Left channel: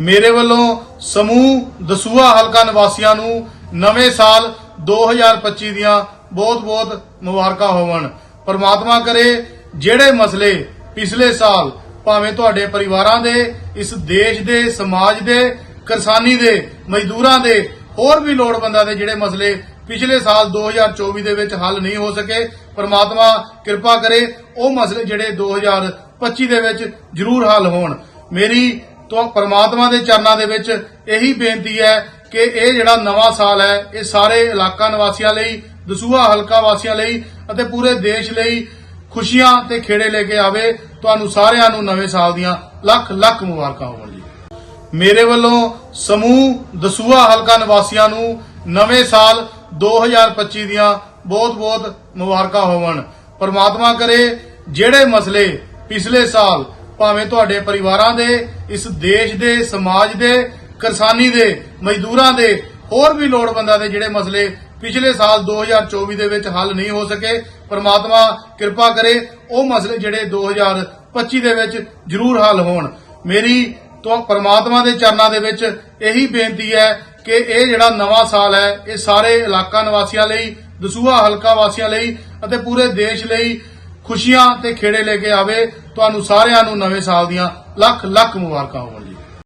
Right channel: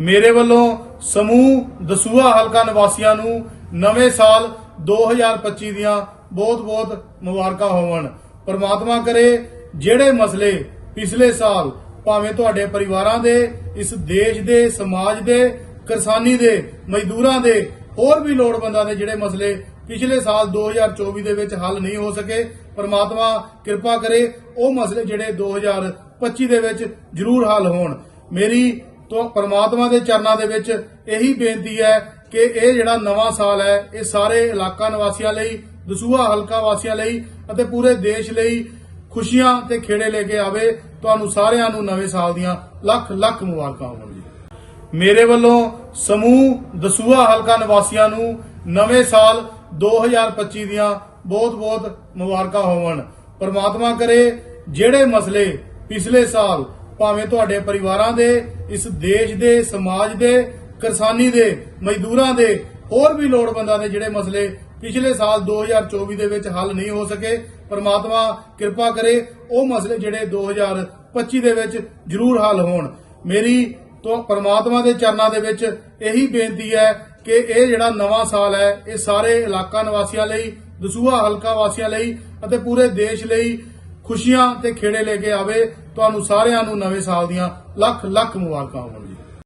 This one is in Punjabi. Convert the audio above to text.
ਮੇਰੇ ਵੱਲੋਂ ਸਮੂਹ ਦਸੂਹਾ ਹਲਕਾ ਨਿਵਾਸੀਆਂ ਨੂੰ ਨਵੇਂ ਸਾਲ 2025 ਦੀਆਂ ਬਹੁਤ-ਬਹੁਤ ਮੁਬਾਰਕਾਂ ਹੋਵਣ। ਪਰਮਾਤਮਾ ਕਰੇ ਜਿਹੜੇ ਮਸਲੇ ਪਿਛਲੇ ਸਾਲ ਭਾਵੇਂ ਤੁਹਾਡੇ ਪਰਿਵਾਰਾਂ ਦੇ, ਇਸ ਦੇਸ਼ ਦੇ, ਸਮਾਜ ਦੇ, ਕਿਸਾਨੀ ਦੇ, ਮਜ਼ਦੂਰਾਂ ਦੇ, ਹੋਰ ਵੀ ਲੋੜਵੰਦਾਂ ਦੇ ਜਿਹੜੇ ਮਸਲੇ ਪਿਛਲੇ ਸਾਲ 2024 ਦੇ ਵਿੱਚ ਹੱਲ ਨਹੀਂ ਹੋ ਸਕੇ, ਪਰਮਾਤਮਾ ਕਿਰਪਾ ਕਰੇ ਉਹ ਮਸਲੇ ਜਿਹੜੇ 2025 ਦੇ ਵਿੱਚ ਜ਼ਰੂਰ ਹੱਲ ਹੋਣ। ਮੇਰੀ ਤੋਂ ਪਰਮਾਤਮਾ ਦੇ ਚਰਨਾਂ ਦੇ ਵਿੱਚ ਇਹੀ ਬੇਨਤੀ ਹੈ ਕਿ ਇਹ ਜਿਹੜਾ ਨਵਾਂ ਸਾਲ ਹੈ, ਇਹ ਸਾਰੇ ਇਲਾਕਾ ਨਿਵਾਸੀਆਂ ਲਈ, ਦਸੂਹਾ ਹਲਕਾ ਵਾਸੀਆਂ ਲਈ ਅਤੇ ਪੂਰੇ ਦੇਸ਼ ਲਈ ਖੁਸ਼ੀਆਂ ਤੇ ਖੇੜੇ ਲੈ ਕੇ ਆਵੇ। ਤੁਹਾਨੂੰ ਸਾਰਿਆਂ ਨੂੰ ਨਵੇਂ ਸਾਲ ਦੀਆਂ ਲੱਖ ਲੱਖ ਮੁਬਾਰਕਾਂ ਹੋਣ ਜੀ। ਮੇਰੇ ਵੱਲੋਂ ਸਮੂਹ ਦਸੂਹਾ ਹਲਕਾ ਨਿਵਾਸੀਆਂ ਨੂੰ ਨਵੇਂ ਸਾਲ 2025 ਦੀਆਂ ਬਹੁਤ-ਬਹੁਤ ਮੁਬਾਰਕਾਂ ਹੋਵਣ। ਪਰਮਾਤਮਾ ਕਰੇ ਜਿਹੜੇ ਮਸਲੇ ਪਿਛਲੇ ਸਾਲ ਭਾਵੇਂ ਤੁਹਾਡੇ ਪਰਿਵਾਰਾਂ ਦੇ, ਇਸ ਦੇਸ਼ ਦੇ, ਸਮਾਜ ਦੇ, ਕਿਸਾਨੀ ਦੇ, ਮਜ਼ਦੂਰਾਂ ਦੇ, ਹੋਰ ਵੀ ਲੋੜਵੰਦਾਂ ਦੇ ਜਿਹੜੇ ਮਸਲੇ ਪਿਛਲੇ ਸਾਲ 2024 ਦੇ ਵਿੱਚ ਹੱਲ ਨਹੀਂ ਹੋ ਸਕੇ, ਪਰਮਾਤਮਾ ਕਿਰਪਾ ਕਰੇ, ਉਹ ਮਸਲੇ ਜਿਹੜੇ 2025 ਦੇ ਵਿੱਚ ਜ਼ਰੂਰ ਹੱਲ ਹੋਣ। ਮੇਰੀ ਤੋਂ ਪਰਮਾਤਮਾ ਦੇ ਚਰਨਾਂ ਦੇ ਵਿੱਚ ਇਹੀ ਬੇਨਤੀ ਹੈ ਕਿ ਇਹ ਜਿਹੜਾ ਨਵਾਂ ਸਾਲ ਹੈ, ਇਹ ਸਾਰੇ ਇਲਾਕਾ ਨਿਵਾਸੀਆਂ ਲਈ, ਦਸੂਹਾ ਹਲਕਾ ਵਾਸੀਆਂ ਲਈ ਅਤੇ ਪੂਰੇ ਦੇਸ਼ ਲਈ ਖੁਸ਼ੀਆਂ ਤੇ ਖੇੜੇ ਲੈ ਕੇ ਆਵੇ, ਤੁਹਾਨੂੰ ਸਾਰਿਆਂ ਨੂੰ ਨਵੇਂ ਸਾਲ ਦੀਆਂ ਲੱਖ ਲੱਖ ਮੁਬਾਰਕਾਂ ਹੋਣ ਜੀ।